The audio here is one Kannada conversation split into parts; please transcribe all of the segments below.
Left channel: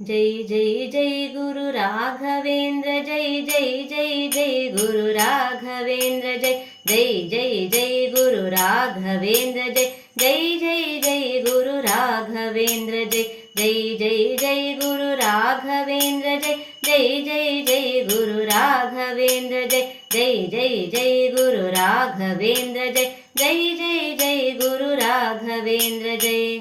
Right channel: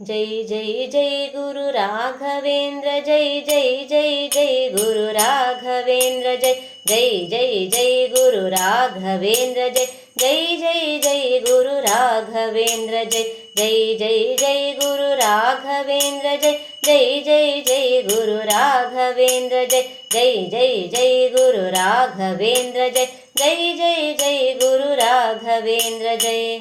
जय जय जय गुरु राघवेंद्र जय जय जय जय गुरु राघवेंद्र जय जय जय जय गुरु राघवेंद्र जय जय जय जय गुरु राघवेंद्र जय जय जय जय गुरु राघवेंद्र जय जय जय जय गुरु राघवेंद्र जय जय जय जय गुरु राघवेंद्र जय जय जय जय गुरु राघवेंद्र जय।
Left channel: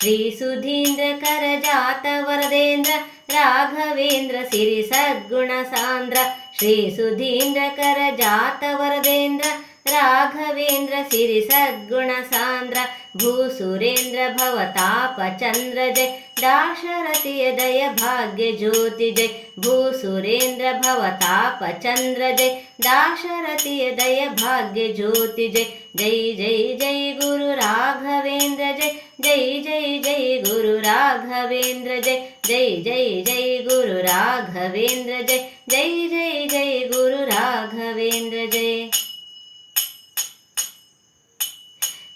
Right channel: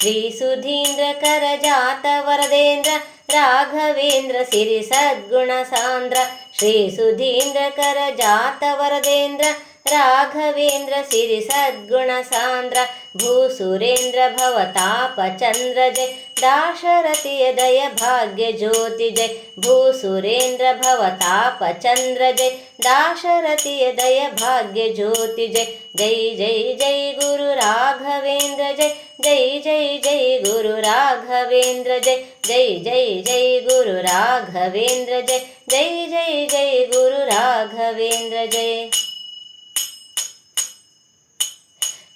श्री सुधींद्र करजात वरदेंद्र राघवेंद्र सिरि सद्गुण सांद्र श्री सुधींद्र करजात वरदेंद्र राघवेंद्र सिरि सद्गुण सांद्र भूसुरेंद्र भवताप चंद्र जय दाशरथिय दय भाग्य ज्योति जय भूसुरेंद्र भवताप चंद्र जय दाशरथिय दय भाग्य ज्योति जय जय जय जय गुरु राघवेंद्र जय जय जय जय गुरु राघवेंद्र जय जय जय जय गुरु राघवेंद्र जय जय जय जय गुरु राघवेंद्र जय।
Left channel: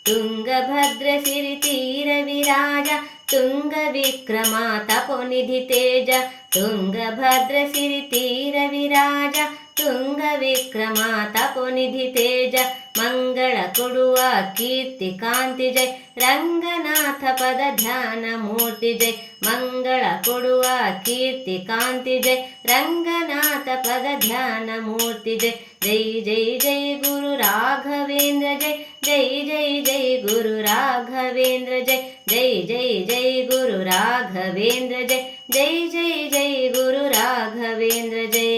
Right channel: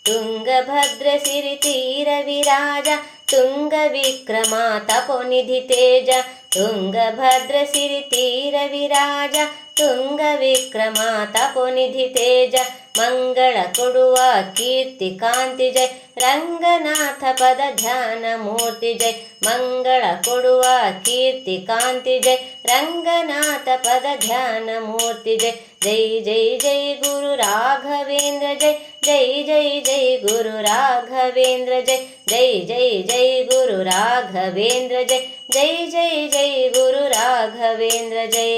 ತುಂಗಭದ್ರ ಸಿರಿತೀರ ವಿರಾಜ ತುಂಗ ವಿಕ್ರಮ ತಪೋನಿಧಿ ತೇಜ ತುಂಗಭದ್ರ ಸಿರಿತೀರ ವಿರಾಜ ತುಂಗ ವಿಕ್ರಮ ತಪೋನಿಧಿ ತೇಜ ಮಂಗಳ ಕೊಡುವ ಕೀರ್ತಿ ಕಾಂತಿ ಜಯ ರಂಗನಾಥ ಪದ ಧ್ಯಾನ ಮೂರ್ತಿ ಜಯ ಮಂಗಳ ಕೊಡುವ ಕೀರ್ತಿ ಕಾಂತಿ ಜಯ ರಂಗನಾಥ ಪದ ಧ್ಯಾನ ಮೂರ್ತಿ ಜಯ ಜೈ ಜೈ ಜೈ ಗುರು ರಾಘವೇಂದ್ರ ಜಯ ಜೈ ಜೈ ಜೈ ಗುರು ರಾಘವೇಂದ್ರ ಜಯ ಜೈ ಜೈ ಜೈ ಗುರು ರಾಘವೇಂದ್ರ ಜಯ ಜೈ ಜೈ ಜೈ ಗುರು ರಾಘವೇಂದ್ರ ಜಯ।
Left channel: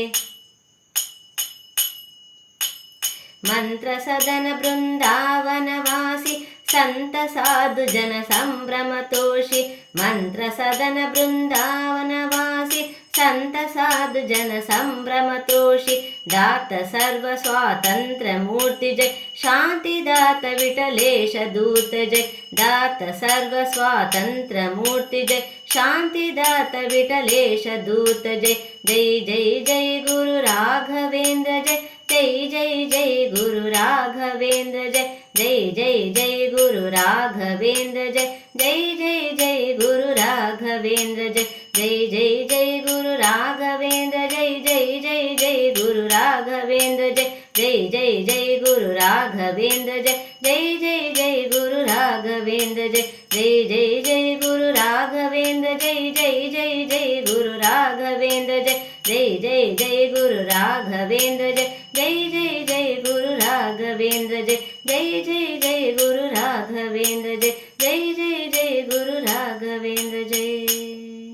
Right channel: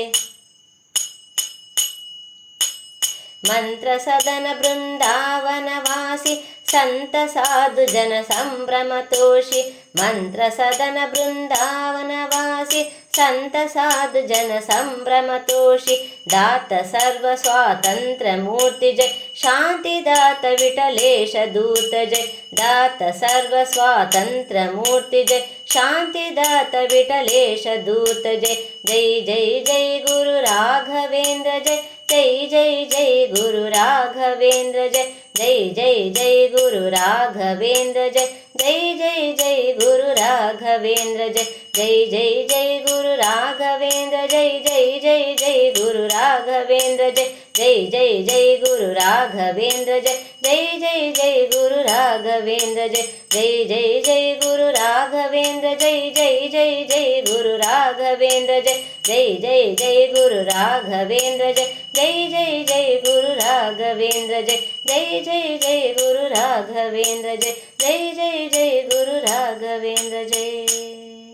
मंत्र सदन बृंदावन वासी संत साधु जन संभ्रम तोषी मंत्र सदन बृंदावन वासी संत साधु जन संभ्रम तोषी दात सर्व स्वातंत्र मूर्ति जय शांति दात विठलेश दूत जय दात सर्व स्वातंत्र मूर्ति जय शांति दात विठलेश दूत जय जय जय जय गुरु राघवेंद्र जय जय जय जय गुरु राघवेंद्र जय जय जय जय गुरु राघवेंद्र जय जय जय जय गुरु राघवेंद्र जय जय जय जय गुरु राघवेंद्र जय जय जय जय गुरु राघवेंद्र जय जय जय जय गुरु राघवेंद्र जय जय जय जय गुरु राघवेंद्र जय जय जय जय गुरु राघवेंद्र जय जय जय जय गुरु राघवेंद्र जय जय जय जय गुरु राघवेंद्र जय जय जय जय गुरु राघवेंद्र जय जय जय जय गुरु राघवेंद्र जय जय जय जय गुरु राघवेंद्र जय।